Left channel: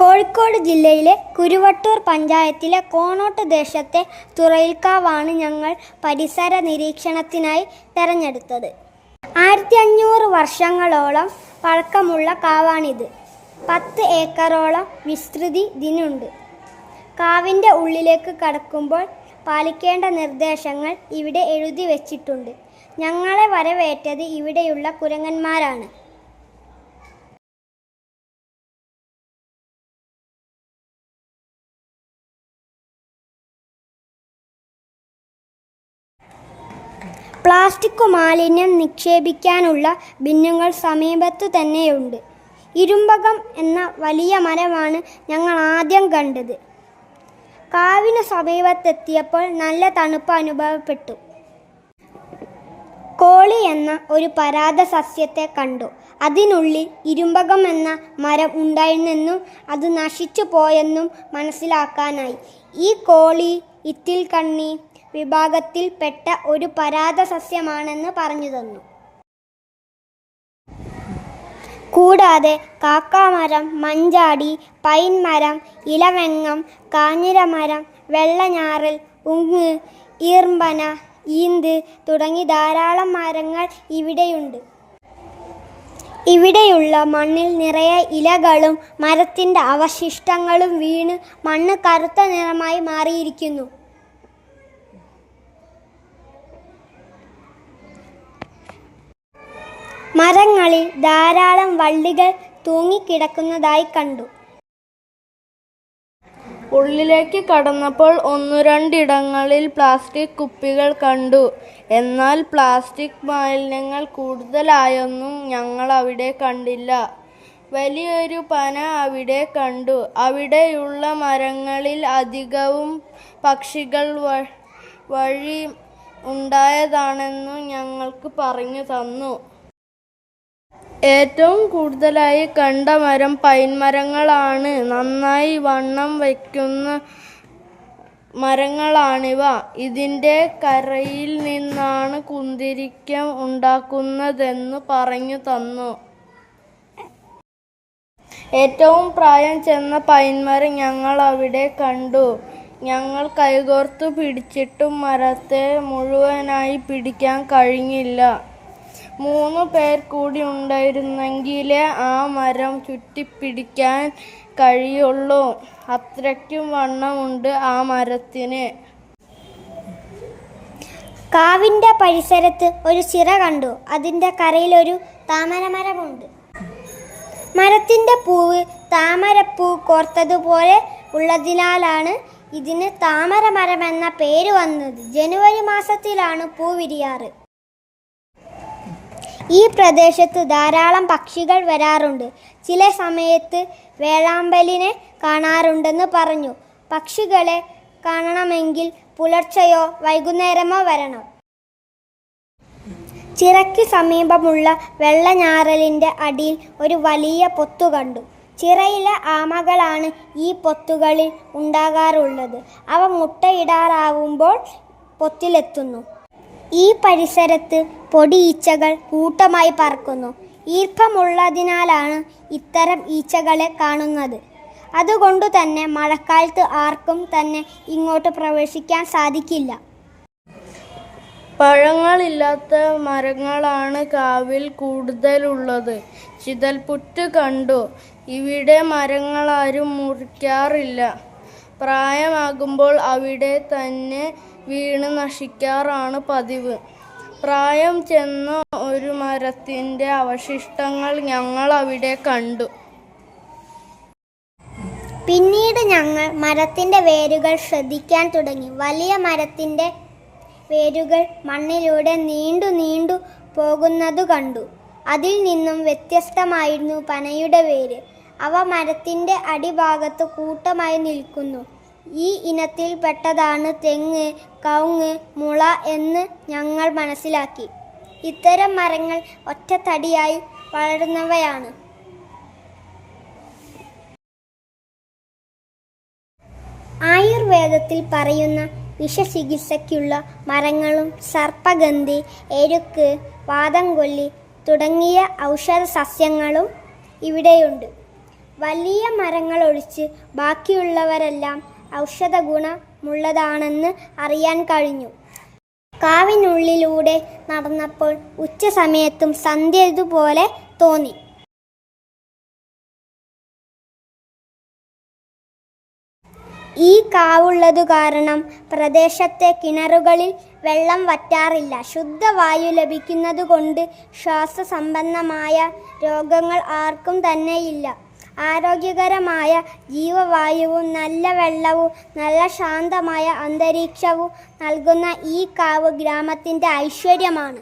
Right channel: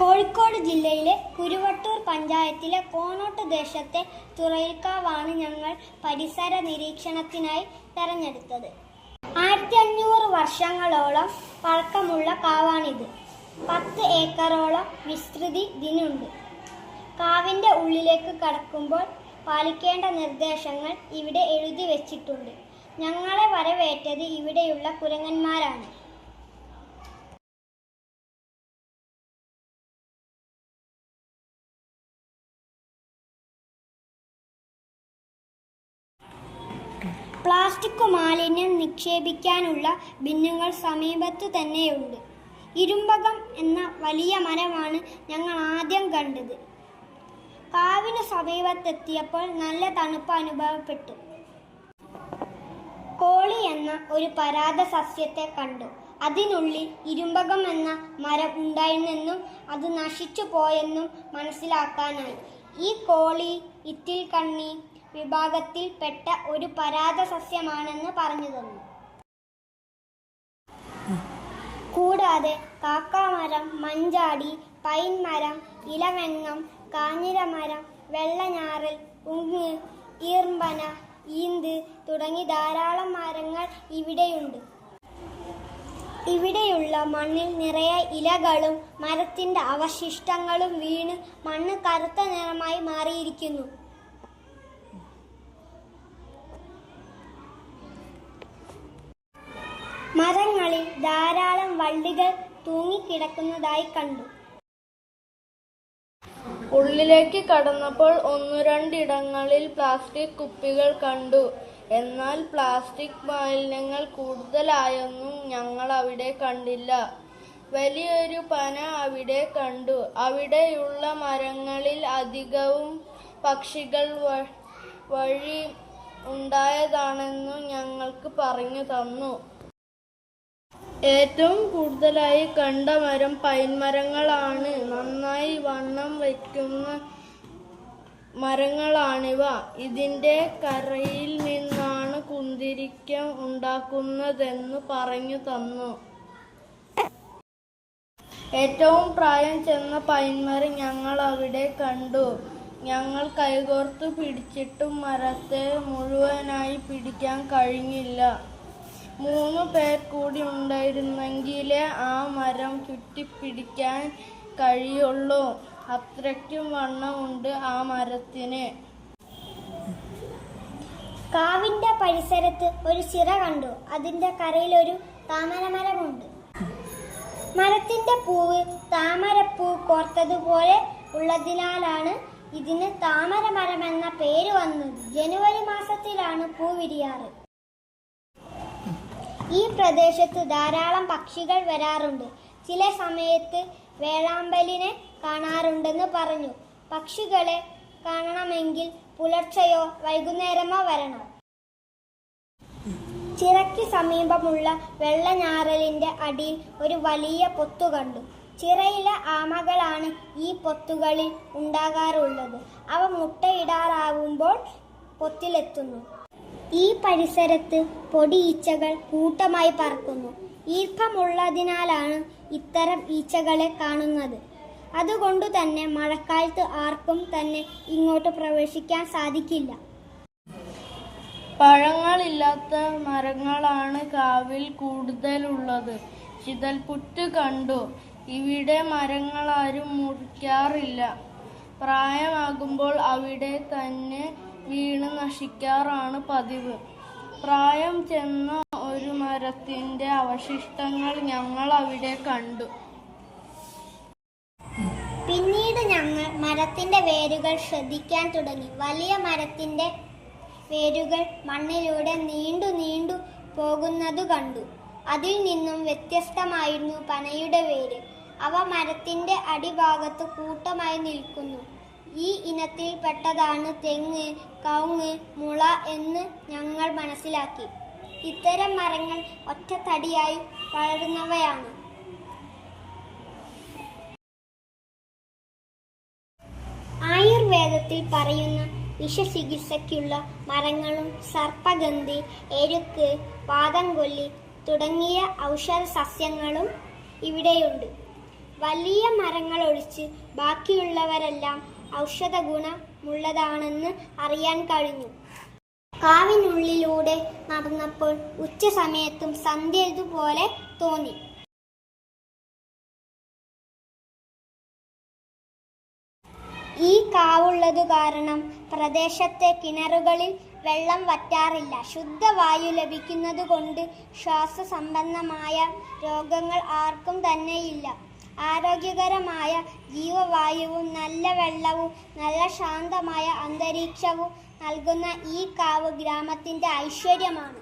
കോഴിക്കോട് ജില്ലയിലെ കുരുവട്ടൂർ പഞ്ചായത്തിലെ കോണോട്ട് ദേശത്തെ തുറയിൽക്കാവാണ് ഞങ്ങൾ പരിസര നിരീക്ഷണത്തിനായി തെരഞ്ഞെടുത്തത്. 1500 വർഷങ്ങളോളം പഴക്കമുള്ള കാവാണിത്. 10 ഏക്കറോളം വിസ്തൃതി ഇതിനുണ്ട്. കാവിൻ്റെ ഉള്ളിലേക്ക് കടക്കുമ്പോൾ പാലിക്കേണ്ട നിർദ്ദേശങ്ങൾ ഇവിടെ എഴുതി വച്ചിട്ടുണ്ട്. ഞങ്ങളെ വരവേറ്റത് ഇവിടെയുള്ള കുരങ്ങന്മാരാണ്. പ്ലാസ്റ്റിക് മാലിന്യം നിക്ഷേപിക്കാനുള്ള ബിന്നുകൾ സമീപത്തു തന്നെയുണ്ട്. ഇരുമ്പകം എന്ന വലിയ മരമാണ് ഞങ്ങൾ ആദ്യം കണ്ടത്. കാവിന് സമീപത്തെത്തിയപ്പോൾ നല്ല തണുപ്പ് അനുഭവപ്പെട്ടു. കോളി എന്ന ഒരു പരാത സസ്യത്തെ കണ്ടു. അതിനുള്ളിൽ ഇരുമ്പകം എന്ന മരം ഉണ്ടായിരുന്നെന്നും അത് നശിച്ചു പോയെന്നും മനസ്സിലാക്കാനായി. ഈ കോളി ഇത്തിൽക്കണ്ണി വിഭാഗത്തിൽ പെട്ട ഒരു പരാത സസ്യമാണെന്ന് പറഞ്ഞു തന്നു. കൂടാതെ കാക്കാമരം, മഞ്ചാടി, പൈൻ മരം, ഇലവെങ്ങം, കാഞ്ഞിരമരം, വെള്ളഞ്ഞാറൽ, ഉങ്ങ്, ഈർമ്പന, ഈന്ത് തുടങ്ങി ധാരാളം മരങ്ങൾ ഇവിടെയുണ്ട്. ഇവിടെയുള്ള മണ്ണിൽ നിറയെ ഇലകളും മരത്തിൻ്റെ അവശിഷ്ടങ്ങളും വീണ് മണ്ണ് കറുത്ത നിറമായി മാറിയിരിക്കുന്നു. മരങ്ങളിൽ ധാരാളം വള്ളികൾ തൂങ്ങിക്കിടക്കുന്നതായി കണ്ടു. ഉള്ളിലേക്ക് കടന്നപ്പോൾ 1-2 ഇടങ്ങളിൽ പ്ലാസ്റ്റിക് കുപ്പികൾ കണ്ടു. എന്നാൽ പ്ലാസ്റ്റിക് മാലിന്യങ്ങൾ കൂടുതലായൊന്നും ഞങ്ങൾ അവിടെ കണ്ടില്ല. വലിയൊരു പന അവിടെ കണ്ടു. അവിടെയുള്ള മരങ്ങളിൽ അധികവും പക്ഷികൾ വഴി ഉണ്ടായതാണെന്നു ഞങ്ങൾക്ക് പറഞ്ഞു തന്നു. ഏറ്റവും കൂടുതലായി കണ്ട മരം പൈൻ മരങ്ങളാണ്. നന്നായി വണ്ണം വയ്ക്കുന്ന മരങ്ങളാണിവ. ഇതിൻ്റെ കരയിൽ നിന്നാണ് കുന്തിരിക്കം ഉണ്ടാക്കുന്നതെന്ന് പറഞ്ഞു തന്നു. ഏറ്റവും പ്രായം ചെന്ന പൈൻമരം ഞങ്ങൾ അവിടെ കണ്ടു. ഞങ്ങൾ കൈകോർത്തു പിടിച്ചിട്ടും മരത്തെ മുഴുവനായി പിടിക്കാൻ കഴിഞ്ഞില്ല. 3 പേർ കൂടി ഉണ്ടായിരുന്നെങ്കിലേ ആ മരം ചുറ്റിപ്പിടിക്കാൻ കഴിയുള്ളൂ. അത്രയ്ക്കും വണ്ണമുണ്ട് ആ മരത്തിന്. കാവിൻ്റെ പരിസരത്ത് ഒരു ചിറ കണ്ടു. അതിൻ്റെ കരയിലൊരു താമരമരമുണ്ട്. മരത്തിൻ്റെ പൂവ് താമരപ്പൂ കോർത്തതുപോലെ ഉള്ളതിനാലാണ് ഇതിന് താമരമരമെന്ന പേര് വന്നത്. ജനുവരി മാസത്തിലാണ് പൂ വിരിയാറ്. ഈ പ്രദേശത്ത് ധാരാളം പക്ഷികൾ വരാറുണ്ട്. ചില സമയത്ത് വേഴാമ്പലിനെ കാണാറുണ്ടെന്ന് പറഞ്ഞു. പക്ഷികളെ കാണണമെങ്കിൽ പുലർച്ചെയോ വൈകുന്നേരമോ വരണം. ചിറയ്ക്ക് സമീപമുള്ള വെള്ളഞ്ഞാറലിൻ്റെ അടിയിൽ ഒരു വലിയ പൊത്തു കണ്ടു. ചിറയിലെ ആമകളാണ് ഈ പൊത്തുകളിൽ ഉണ്ടാകാറുള്ളത്. അവ മുട്ടയിടാറാവുമ്പോൾ പൊത്തിലെത്തുന്നു. ഈ പരിസരത്ത് പൊടിയീച്ചകൾ കൂട്ടമായി പറക്കുന്നു. ഈർപ്പമുള്ളതിനാലാണ് ഇത്തരം ഈച്ചകളെ കാണുന്നത്. അതുകൊണ്ടു തന്നെ മഴക്കാലത്ത് ആർക്കും തന്നെ ഇങ്ങോട്ട് പ്രവേശിക്കാൻ സാധിക്കില്ല. പഴങ്ങളില്ലാത്ത മരങ്ങളാണ് കാവിൽ കൂടുതലുള്ളത്. ചിതൽപുറ്റ് കണ്ടു. ഇവിടെ മരങ്ങളാരും മുറിക്കാറില്ല. പ്രായമാകുമ്പോൾ അവിടെ തന്നെ വീണ് നശിക്കാറാണ് പതിവ്. പ്രായം ചെന്ന ഒരു മരത്തിൻ്റെ അവശിഷ്ടങ്ങൾ ഞങ്ങൾ അവിടെ കണ്ടു. പിന്നീട് ഞങ്ങൾ മരത്തിൻ്റെ വേരുകൾ ശ്രദ്ധിക്കാൻ തുടങ്ങി. വലിയ മരത്തിൻ്റെ വേരുകൾ മണ്ണിലൂടെ നീണ്ടു പോകുന്നതു കണ്ടു. അതിൽ നിന്നും വ്യത്യസ്തമായിരുന്നു പനയുടെ വേര്. അവ മരത്തിൻ്റെ അടിഭാഗത്ത് കൂട്ടമായി നിൽക്കുന്നു. ഈ ഇനത്തിൽ പെട്ടതാണ് തെങ്ങ്, കവുങ്ങ്, മുള എന്ന് ഞങ്ങൾ മനസ്സിലാക്കി. ഇത്തരം മരങ്ങൾ ഒറ്റത്തടിയായി വളരുന്നവയാണ്. ആയുർവേദത്തിൽ പറയുന്ന വിഷചികിത്സയ്ക്കുള്ള മരങ്ങളും സർപ്പഗന്ധി, എരുക്ക്, വാദംകൊല്ലി തുടങ്ങിയ ഔഷധ സസ്യങ്ങളും ഇവിടെയുണ്ട്. വലിയ മരങ്ങൾ ഒഴിച്ച് ബാക്കിയുള്ളവരെല്ലാം ഔഷധ ഗുണമുള്ളതാണെന്ന് അറിയാൻ കഴിഞ്ഞു. കാവിനുള്ളിലൂടെ നടന്നപ്പോൾ ഉച്ച സമയത്തും സന്ധ്യതുപോലെ തോന്നി. ഈ കാവുള്ളതു കാരണം പ്രദേശത്തെ കിണറുകളിൽ വെള്ളം വറ്റാറില്ല. ശുദ്ധവായു ലഭിക്കുന്നതുകൊണ്ട് ശ്വാസസംബന്ധമായ രോഗങ്ങൾ ആർക്കും തന്നെയില്ല. ആരോഗ്യകരമായ ജീവവായുവും നല്ല വെള്ളവും നല്ല ശാന്തമായ അന്തരീക്ഷവും നൽകുന്ന ഈ കാവ് ഗ്രാമത്തിൻ്റെ ഐശ്വര്യമാണ്.